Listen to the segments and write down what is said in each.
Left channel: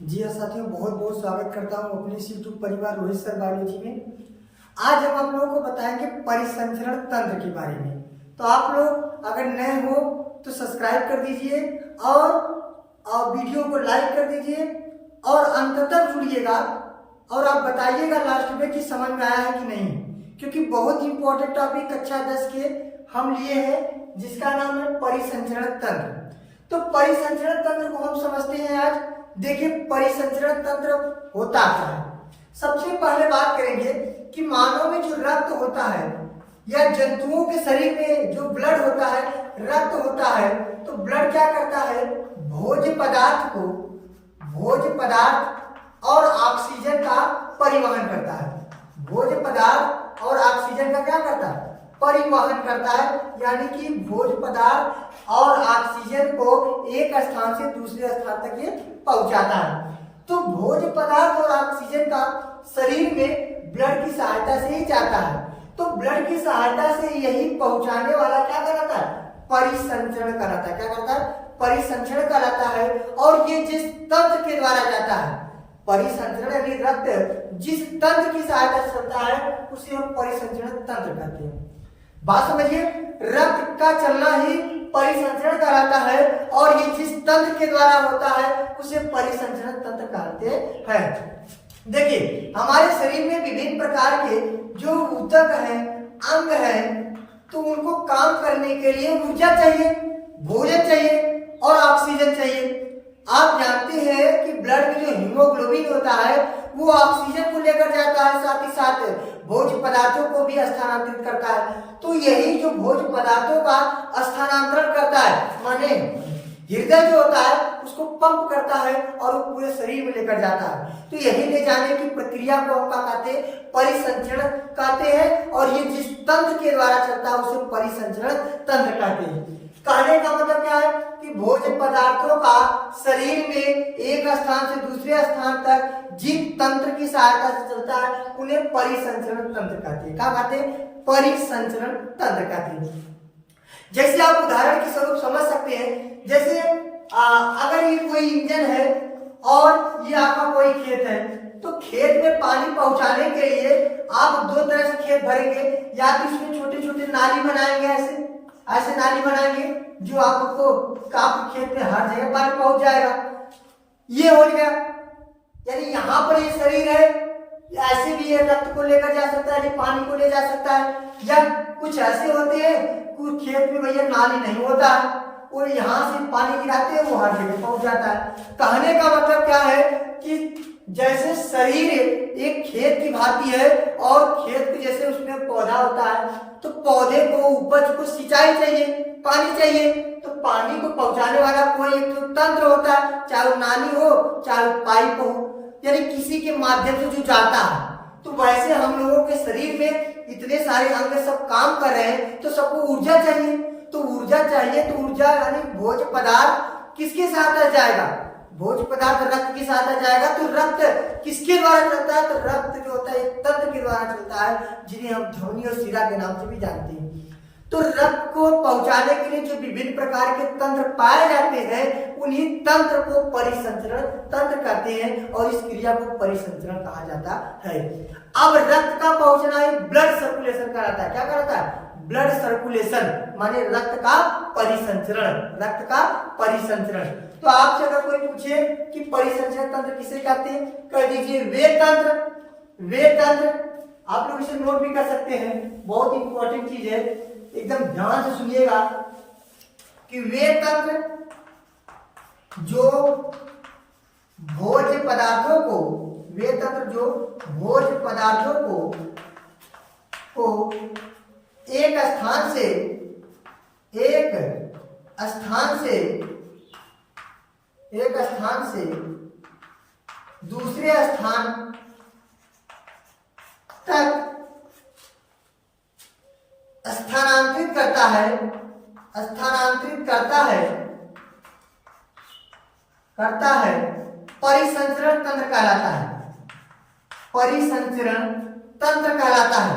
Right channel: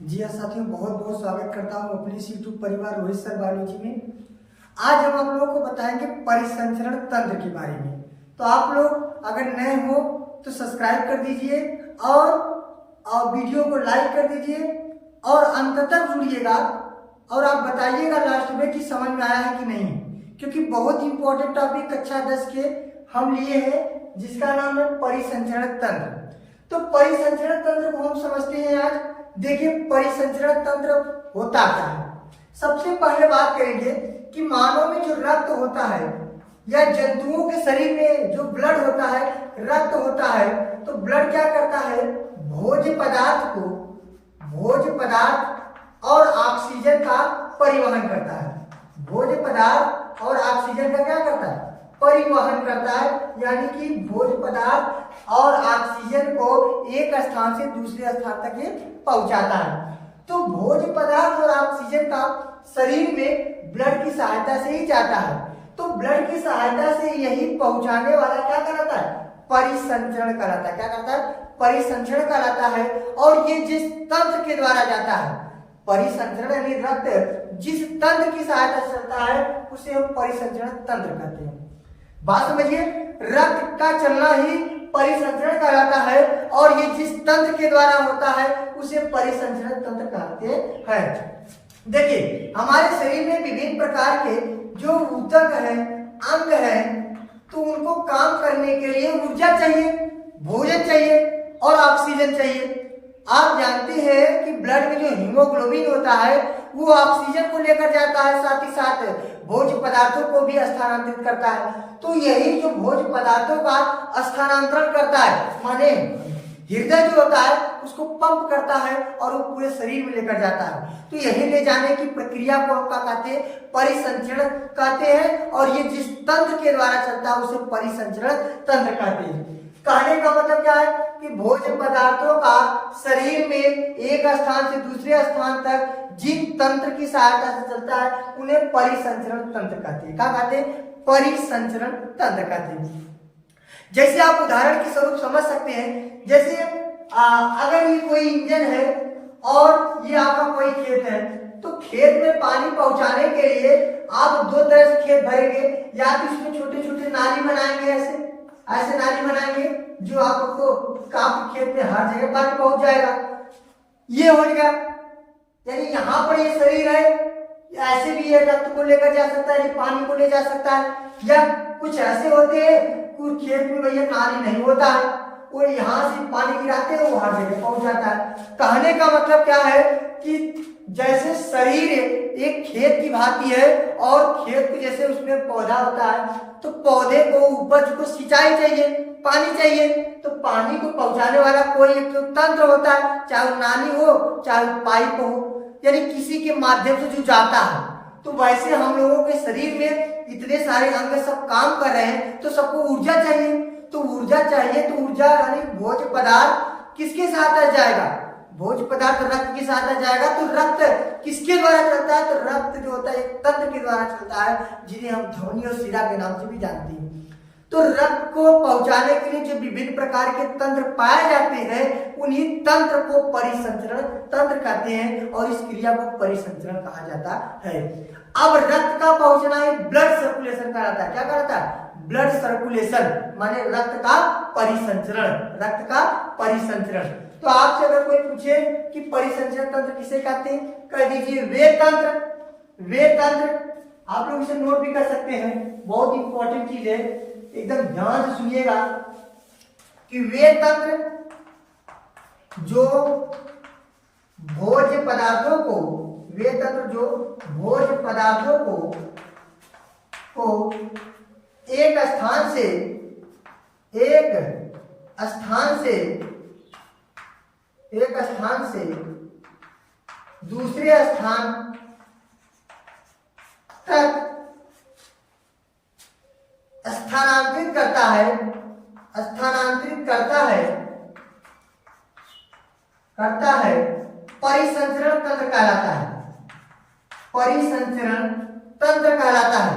जी हाँ साथियों, बहुत बहुत स्वागत करता हूँ अपने इस यूट्यूब परिवार रोहित सर बायोलॉजी में। आज हम आप लोगों को बताएंगे परिसंचरण तंत्र के बारे में। तो आप लोग अगर नए हो तो सब्सक्राइब कर दीजिए और वीडियो को लाइक कर दीजिए और अंत तक जुड़िएगा और आप बताइएगा लास्ट में कि समझ में आया है कि नहीं, क्योंकि बहुत इंपॉर्टेंट टॉपिक कक्षा 10 के हम लिए हैं जिसका नाम है परिसंचरण तंत्र। तो परिसंचरण तंत्र को हम समझते हैं आज। देखिए, परिसंचरण तंत्र होता क्या है। सबसे पहले बात करेंगे कि मानव में जो रक्त होता है या जंतुओं के शरीर में जो ब्लड होता है, रक्त होता है, तो ब्लड क्या करता है, भोज्य पदार्थ और ऑक्सीजन का परिवहन करता है। भोज्य पदार्थ और ऑक्सीजन का क्या करता है, परिवहन करता है। यानी कि भोज्य पदार्थ और ऑक्सीजन को एक स्थान से दूसरे स्थान तक ये पहुंचाता है। तो भोज्य पदार्थ और ऑक्सीजन का शरीर में ब्लड की सहायता से ही जाता है। तो ब्लड की सहायता से यही पहुंचाने वाला क्या कहलाता है, परिसंचरण कहलाता है। क्या कहलाता है, परिसंचरण कहलाता है। और ये जिस तंत्र के द्वारा जाता है, परिसंचरण यानी रक्त जिस तंत्र की सहायता से चलता है उसे हम परिसंचरण तंत्र कहते हैं। बात समझिए, रक्त का चलना ही परिसंचरण कहलाता है और ये जिस तंत्र के द्वारा होता है उसे परिसंचरण तंत्र कहते हैं। देखिए, हमारे शरीर में विभिन्न प्रकार के जो ऊतक है, अंग है, तो उनको काम करने के लिए ऊर्जा चाहिए, भोजन चाहिए और ऑक्सीजन चाहिए। आप जानते हैं कि ब्लड में जो हीमोग्लोबिन होता है वो ऑक्सीजन को लेकर जाता है, साथ ही साथ भोज्य पदार्थों को भी स्थानांतरित करता है। तो यही जो भोज्य पदार्थों का स्थानांतरण करता है, माने हृदय जो होता है उसको पंप करता है और वो पूरे शरीर में लेकर जाता है। तो यही ले जाने की प्रक्रिया को हम क्या कहते हैं, परिसंचरण कहते हैं। और ये जिस तंत्र के द्वारा चलता है उसे परिसंचरण तंत्र कहते हैं। कहने का मतलब क्या है कि भोज्य पदार्थों का शरीर में एक स्थान से दूसरे स्थान तक जिस तंत्र की सहायता से चलता है उन्हें परिसंचरण तंत्र कहते हैं। क्या कहते हैं, परिसंचरण तंत्र कहते हैं। जैसे आप उदाहरण के स्वरूप समझ सकते हैं, जैसे अगर ये कोई इंजन है और ये आपका कोई खेत है, तो खेत में पानी पहुंचाने के लिए आप दो तरह से खेत भरेंगे। या तो इसमें छोटे छोटे नाली बनाएंगे, ऐसे नाली बनाएंगे जो आपको काफी खेत में हर जगह पानी पहुंच जाएगा। ये हो गया, यानी यहाँ पर ये शरीर है, ऐसे भी ये रक्त को लेकर जा सकता है, पानी को ले जा सकता है। या कुछ ऐसे होते हैं, कुछ खेत में भैया नाली नहीं होता है और यहाँ से पानी गिराते हैं, वो हर जगह पहुंच जाता है। कहने का मतलब क्या है कि जैसे शरीर एक खेत की भांति है और खेत के जैसे उसमें पौधा होता है, तो पौधे को, उपज को सिंचाई चाहिए, पानी चाहिए। तो पानी को पहुंचाने वाला कोई एक तो तंत्र होता है, चाहे वो नाली हो चाहे वो पाइप हो, यानी किसी के माध्यम से जो जाता है। तो वैसे हम लोगों के शरीर में इतने सारे अंग सब काम कर रहे हैं, तो सबको ऊर्जा चाहिए। तो ऊर्जा चाहिए, तो ऊर्जा यानी भोज्य पदार्थ किसके साथ जाएगा, भोज्य पदार्थ रक्त के साथ जाएगा। तो रक्त किसके द्वारा चलता है, तो रक्त जो होता है एक तंत्र के द्वारा चलता है जिन्हें हम ध्वनि और शिरा के नाम से भी जानते हैं। तो रक्त को पहुंचाने के लिए जो विभिन्न प्रकार के तंत्र पाए जाते हैं उन्हीं तंत्र को परिसंचरण तंत्र कहते हैं और इस क्रिया को परिसंचरण कहा जाता है। अब रक्त का पहुंचना ही ब्लड सर्कुलेशन कहलाता है। क्या कहलाता है, ब्लड सर्कुलेशन, माने रक्त का परिसंचरण, रक्त का परिसंचरण। तो आपसे अगर कोई पूछे कि परिसंचरण तंत्र किसे कहते हैं, कह दीजिए वे तंत्र। आप लोग इसे नोट भी कर सकते हैं, बहुत इंपॉर्टेंट चीज है, एकदम ध्यान से सुनिएगा कि वे तंत्र जो भोज्य पदार्थों को एक स्थान से दूसरे स्थान तक स्थानांतरित करता है, परिसंचरण तंत्र कहलाता है। परिसंचरण तंत्र कहलाता है,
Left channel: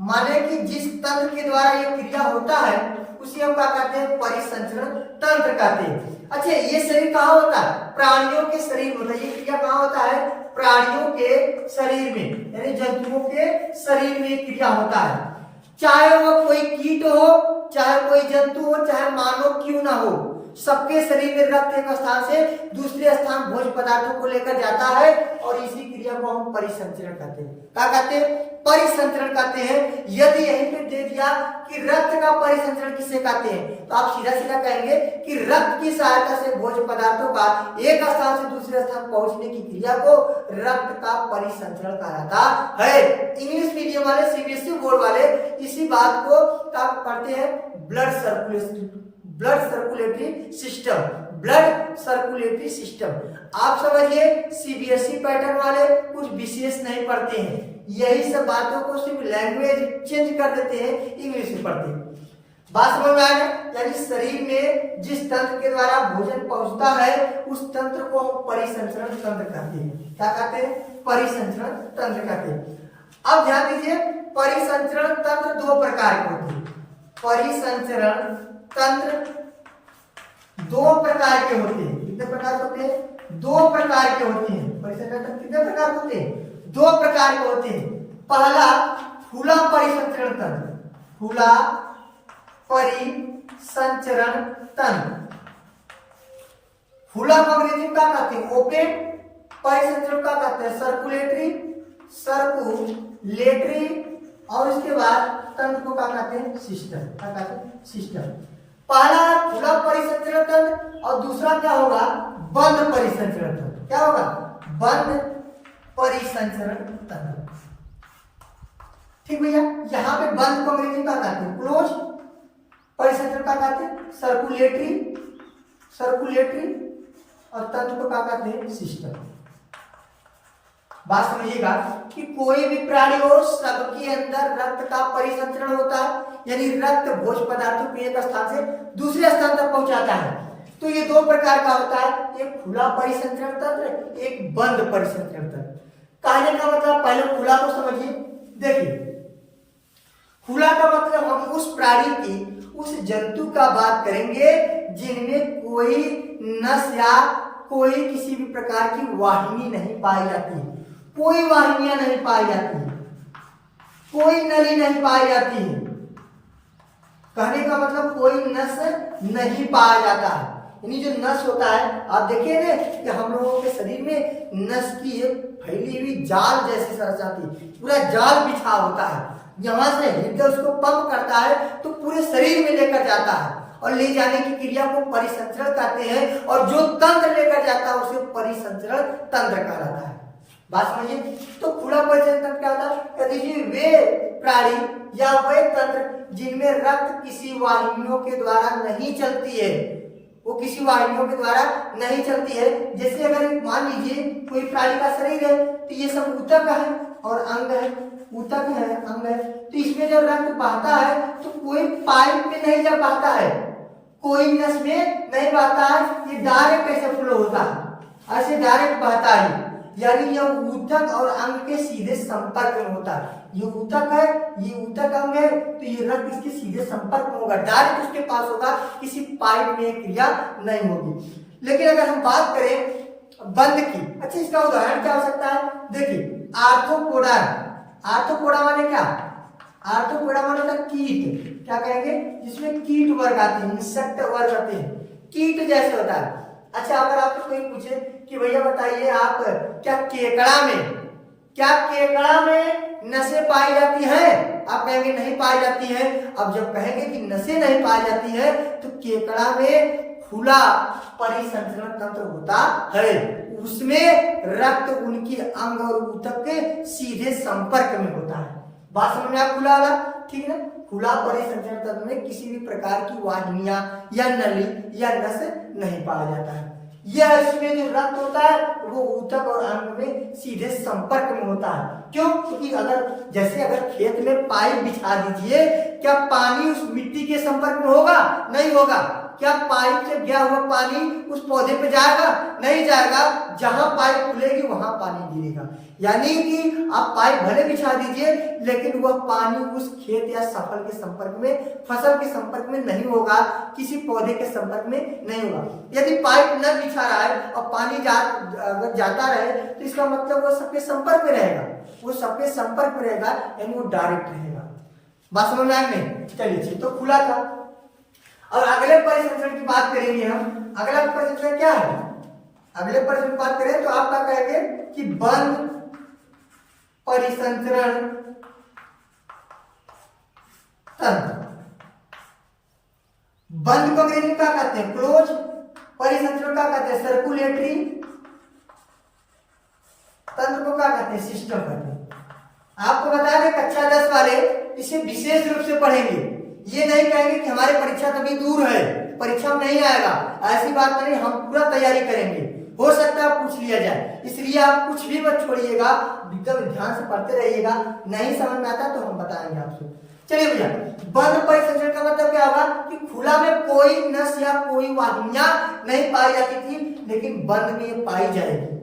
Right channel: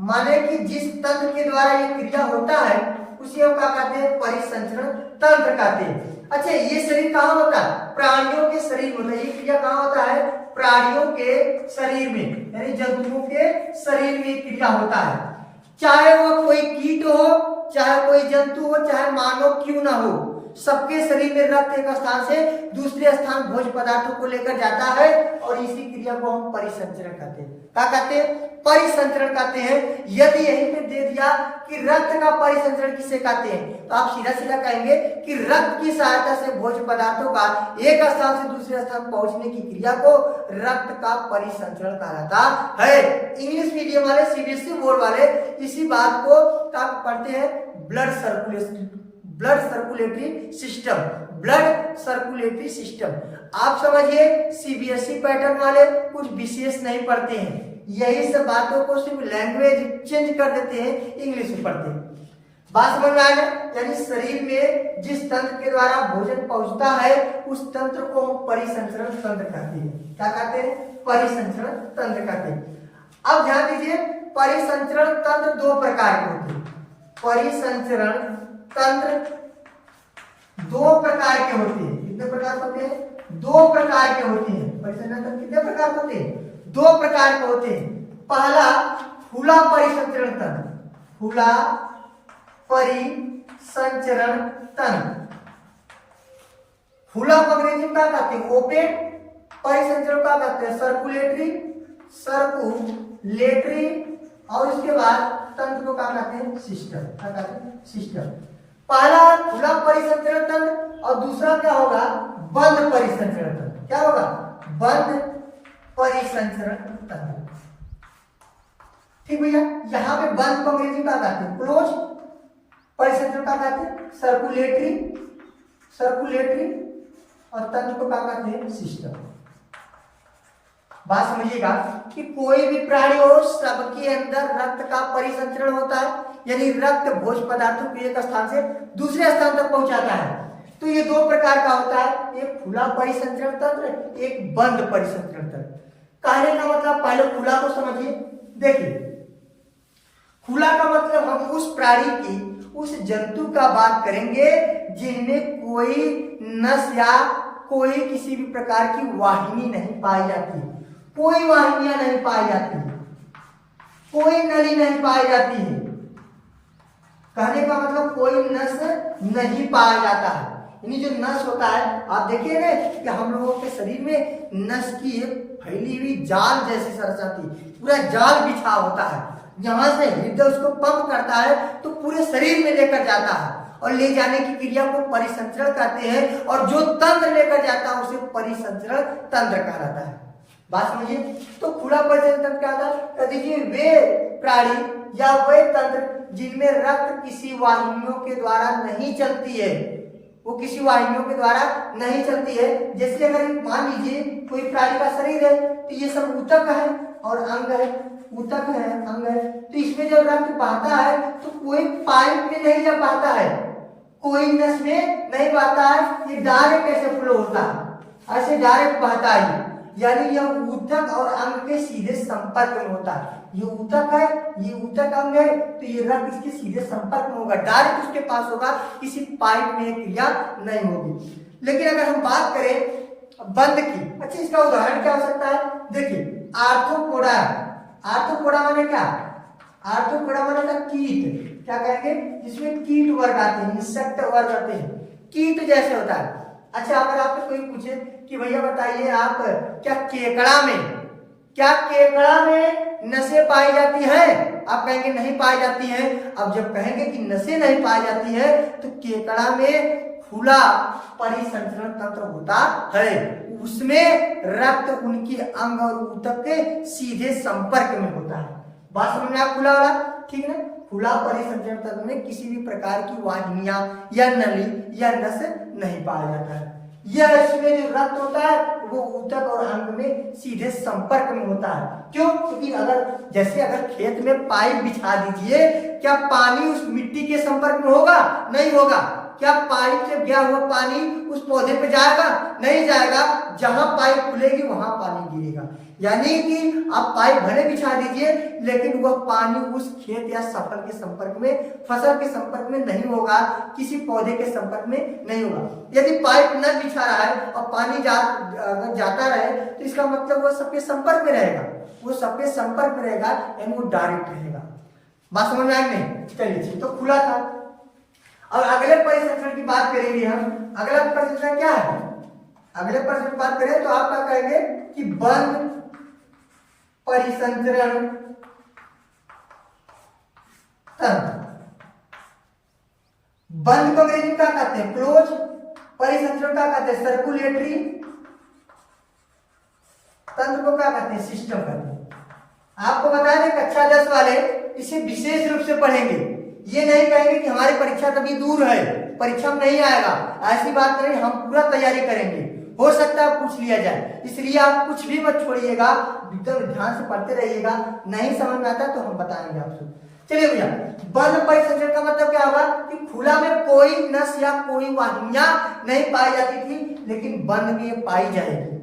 माने कि जिस तंत्र के द्वारा यह क्रिया होता है उसे हम क्या कहते हैं, परिसंचरण तंत्र कहते हैं। अच्छा, ये शरीर कहाँ होता है? प्राणियों के शरीर में होता है। ये क्रिया कहाँ होता है? प्राणियों के शरीर में, यानी जंतुओं के शरीर में ये क्रिया होता है। चाहे वह कोई कीट हो, चाहे कोई जंतु हो, चाहे मानव क्यों ना हो, सबके शरीर में रक्त एक स्थान से दूसरे स्थान भोज्य पदार्थों को लेकर जाता है और इसी क्रिया को हम परिसंचरण कहते हैं। क्या कहते हैं? परिसंचरण कहते हैं। यदि यहीं पे दे दिया कि रक्त का परिसंचरण किसे कहते हैं, तो आप सीधा सीधा कहेंगे कि रक्त की सहायता से भोज्य पदार्थों का एक स्थान से दूसरे स्थान पहुंचने की क्रिया को रक्त का परिसंचरण कहा जाता है। इंग्लिश मीडियम वाले, सीबीएसई बोर्ड वाले इसी बात को पढ़ते हैं blood circulatory system, blood circulatory system. आप समझिए सीबीएसई पैटर्न वाले कुछ विशेष नहीं पढ़ते हैं, यही सब बातों को सिर्फ लैंग्वेज चेंज कर देते हैं, इंग्लिश में पढ़ते हैं। बात समझ में आ गया? यानी शरीर में जिस तंत्र के द्वारा भोजन पहुंचता है उस तंत्र को हम परिसंचरण तंत्र कहते हैं। क्या कहते हैं? परिसंचरण तंत्र कहते हैं। अब ध्यान दीजिए, परिसंचरण तंत्र दो प्रकार के होते हैं। परिसंचरण तंत्र दो प्रकार के होते हैं। कितने प्रकार होते हैं? दो प्रकार के होते हैं। परिसंचरण तंत्र कितने प्रकार होते हैं? दो प्रकार के होते हैं। पहला खुला परिसंचरण तंत्र, खुला परिसंचरण तंत्र। खुला को अंग्रेजी में क्या कहते हैं? ओपन। परिसंचरण क्या कहते हैं? सर्कुलेटरी और उसके बाद तंत्र को क्या कहते हैं? सिस्टम। क्या कहते हैं? सिस्टम। पहला खुला परिसंचरण तंत्र और दूसरा क्या होगा? बंद परिसंचरण तंत्र। क्या होगा? बंद परिसंचरण तंत्र। ठीक भैया, यहाँ पे बंद को अंग्रेजी में क्या कहते हैं? क्लोज। परिसंचरण क्या कहते हैं? सर्कुलेटरी और तंत्र को क्या कहते हैं? सिस्टम। बात समझिएगा कि कोई भी प्राणी हो, सबके अंदर रक्त का परिसंचरण होता है, यानी रक्त भोज्य पदार्थों को एक स्थान से दूसरे स्थान तक पहुंचाता है। तो ये दो प्रकार का होता है, एक खुला परिसंचरण तंत्र, एक बंद परिसंचरण तंत्र। कहने का मतलब पहले खुला को समझिए। देखिए, खुला का मतलब हम उस प्राणी की, उस जंतु का बात करेंगे जिनमें कोई नस या कोई किसी भी प्रकार की वाहिनी नहीं पाई जाती, कोई वाहिनियां नहीं पाई जाती, कोई नली नहीं पाई जाती है। कहने का मतलब कोई नस नहीं पाया जाता है। यानी जो नस होता है, आप देखिए ना कि हम लोगों के शरीर में नस की एक फैली हुई जाल जैसी संरचना थी, पूरा जाल बिछा होता है। यहाँ से हृदय उसको पंप करता है तो पूरे शरीर में लेकर जाता है और ले जाने की क्रिया को परिसंचरण कहते हैं, और जो तंत्र लेकर जाता है उसे परिसंचरण तंत्र कहा जाता है। बात समझिए। तो खुला परिसंचरण तंत्र क्या होता है? कह दीजिए वे प्राणी या वे तंत्र जिनमें रक्त किसी वाहिनियों के द्वारा नहीं चलती है, वो किसी वाहिनियों के द्वारा नहीं चलती है। जैसे अगर मान लीजिए कोई प्राणी का शरीर है तो ये सब ऊतक है और अंग है, ऊतक है, अंग है, तो इसमें जो रक्त बहता है तो कोई पाइप में नहीं जा पाता है, कोई नस में नहीं बहता है, ये डायरेक्ट कैसे फ्लो होता है, ऐसे डायरेक्ट बहता है। यानी यह ऊतक और अंग के सीधे संपर्क में होता है। ये ऊतक है, ये ऊतक अंग है, तो ये रक्त इसके सीधे संपर्क में होगा, डायरेक्ट उसके पास होगा, किसी पाइप में क्रिया नहीं होगी। लेकिन अगर हम बात करें बंद की, अच्छा इसका उदाहरण क्या हो सकता है? देखिए आर्थ्रोपोडा। आर्थ्रोपोडा माने क्या? आर्थ्रोपोडा माने होता है कीट। क्या कहेंगे? जिसमें कीट वर्ग आते हैं, इंसेक्ट वर्ग आते हैं, कीट जैसे होता है। अच्छा, अगर आपसे कोई पूछे कि भैया बताइए आप क्या केकड़ा में नसें पाई जाती हैं? आप कहेंगे नहीं पाई जाती हैं। अब जब कहेंगे कि नसें नहीं पाई जाती हैं तो केकड़ा में खुला परिसंचरण तंत्र होता है, उसमें रक्त उनकी अंग और ऊतक के सीधे संपर्क में होता है। बात समझ में? आप खुला वाला ठीक है ना? खुला परिसंचरण तंत्र में किसी भी प्रकार की वाहिनियां या नली या नस नहीं पाया जाता है। यह इसमें जो रक्त होता है वो ऊतक और अंग में सीधे संपर्क में होता है। क्यों? क्योंकि अगर खेत में पाइप बिछा दीजिए, क्या पानी उस मिट्टी के संपर्क में होगा? नहीं होगा। क्या पाइप से गया हुआ पानी उस पौधे पे जाएगा? नहीं जाएगा। जहां पाइप खुलेगी वहां पानी गिरेगा। यानी कि आप पाइप भले बिछा दीजिए लेकिन वह पानी उस खेत या फसल के संपर्क में नहीं होगा, किसी पौधे के संपर्क में नहीं होगा। यदि पाइप न बिछा रहा है और पानी अगर जाता रहे तो इसका मतलब वो सबके संपर्क में रहेगा, यानी वो डायरेक्ट रहेगा। बात समझ में आई नहीं? चलिए, तो खुला था। और अगले परिसंचरण की बात करेंगे हम। अगला परिसंचरण क्या है? अगले परिसंचरण की बात करें तो आप क्या कहेंगे कि बंद परिसंचरण तंत्र। बंद को अंग्रेजी में क्या कहते हैं? क्लोज। परिसंचरण क्या कहते हैं? सर्कुलेटरी। तंत्र को क्या कहते हैं? सिस्टम कहते हैं। आपको बता दें कक्षा 10 वाले इसे विशेष रूप से पढ़ेंगे। ये नहीं कहेंगे कि हमारी परीक्षा तभी दूर है, परीक्षा में नहीं आएगा, ऐसी बात नहीं। हम पूरा तैयारी करेंगे, हो सकता है पूछ लिया जाए, इसलिए आप कुछ भी मत छोड़िएगा, एकदम ध्यान से पढ़ते रहिएगा। नहीं समझ में आता तो हम बताएंगे आपसे। चलिए भैया, बंद परिसंचरण का मतलब क्या होगा कि खुला में कोई नस या कोई वाहिनियां नहीं पाई जाती थी, लेकिन बंद में पाई जाएगी।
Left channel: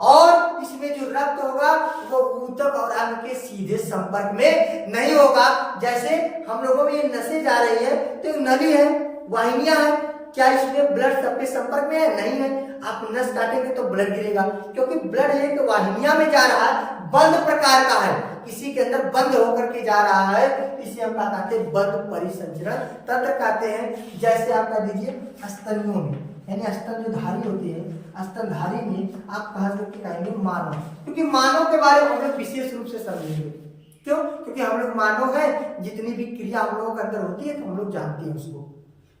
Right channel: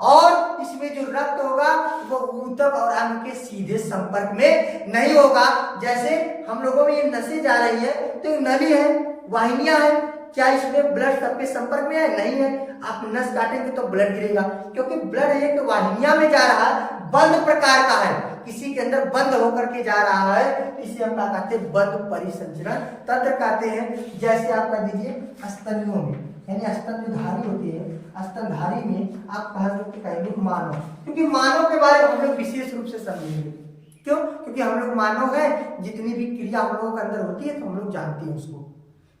और इसमें जो रक्त होगा वो ऊतक और अंग के सीधे संपर्क में नहीं होगा। जैसे हम लोगों में ये नसें जा रही है तो नली है, वाहिनियां है, क्या इसमें ब्लड सबके संपर्क में है? नहीं है। आप नस काटेंगे तो ब्लड गिरेगा, क्योंकि ब्लड एक वाहिनियां में जा रहा है, बंद प्रकार का है, किसी के अंदर बंद होकर के जा रहा है, इसे हम क्या कहते हैं? बंद परिसंचरण तंत्र कहते हैं। जैसे आप कह दीजिए स्तनियों में, यानी स्तन जो धारी होती है, स्तनधारी में आप कहेंगे मानव, क्योंकि मानव के बारे में हम लोग विशेष रूप से समझेंगे। क्यों? क्योंकि हम लोग मानव हैं, जितनी भी क्रिया हम लोगों के अंदर होती है तो हम लोग जानते हैं उसको।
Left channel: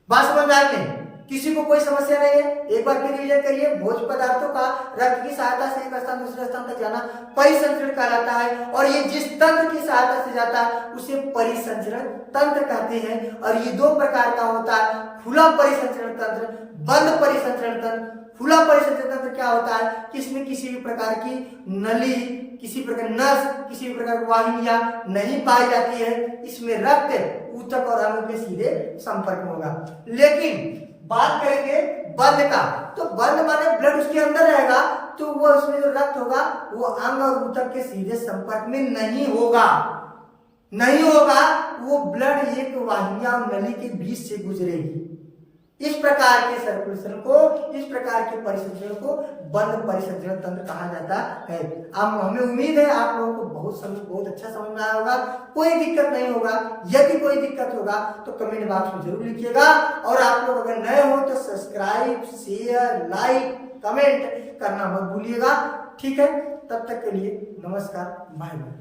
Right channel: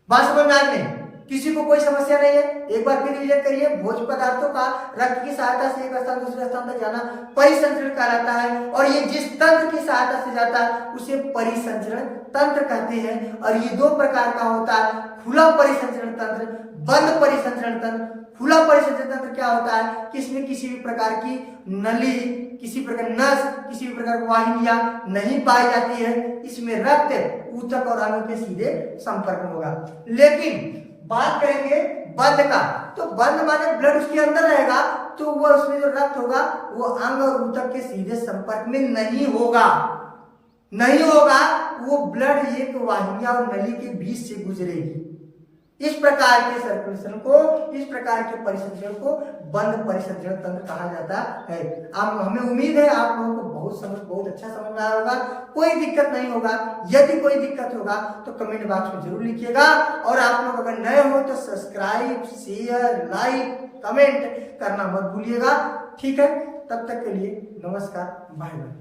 बात समझ में आ गई? किसी को कोई समस्या नहीं है? एक बार फिर रिवीजन करिए। भोज्य पदार्थों का रक्त की सहायता से एक स्थान दूसरे स्थान तक जाना परिसंचरण कहलाता है, और ये जिस तंत्र की सहायता से जाता है उसे परिसंचरण तंत्र कहते हैं। और ये दो प्रकार का होता है, खुला परिसंचरण तंत्र, बंद परिसंचरण तंत्र। खुला परिसंचरण तंत्र क्या होता है कि इसमें किसी भी प्रकार की नली, किसी प्रकार नस, किसी भी प्रकार की वाहिनियां नहीं पाई जाती है। इसमें रक्त ऊतक और अंग के सीधे संपर्क में होगा। लेकिन बात करेंगे बंद का, तो बंद माने ब्लड उसके अंदर रहेगा, तो वो उसमें जो रक्त होगा वो अंग और ऊतक के सीधे संपर्क में नहीं होगा। वो ब्लड एक वाहिनियां और नली के बीच से गुजरेगी। इस प्रकार के सर्कुलेशन को, इस प्रकार के परिसंचरण को बंद परिसंचरण तंत्र कहा जाता है। अब हमें उम्मीद है आप लोगों को बहुत अच्छा समझ में आया होगा, कोई दिक्कत नहीं होगा। यदि कोई दिक्कत होगा तो कमेंट बॉक्स में जरूर लिखिएगा। और आप लोग अगर नए हो तो सब्सक्राइब, शेयर, लाइक, कमेंट करना मत भूलिएगा। ठीक है, तब तक के लिए नमस्कार, बाय बाय।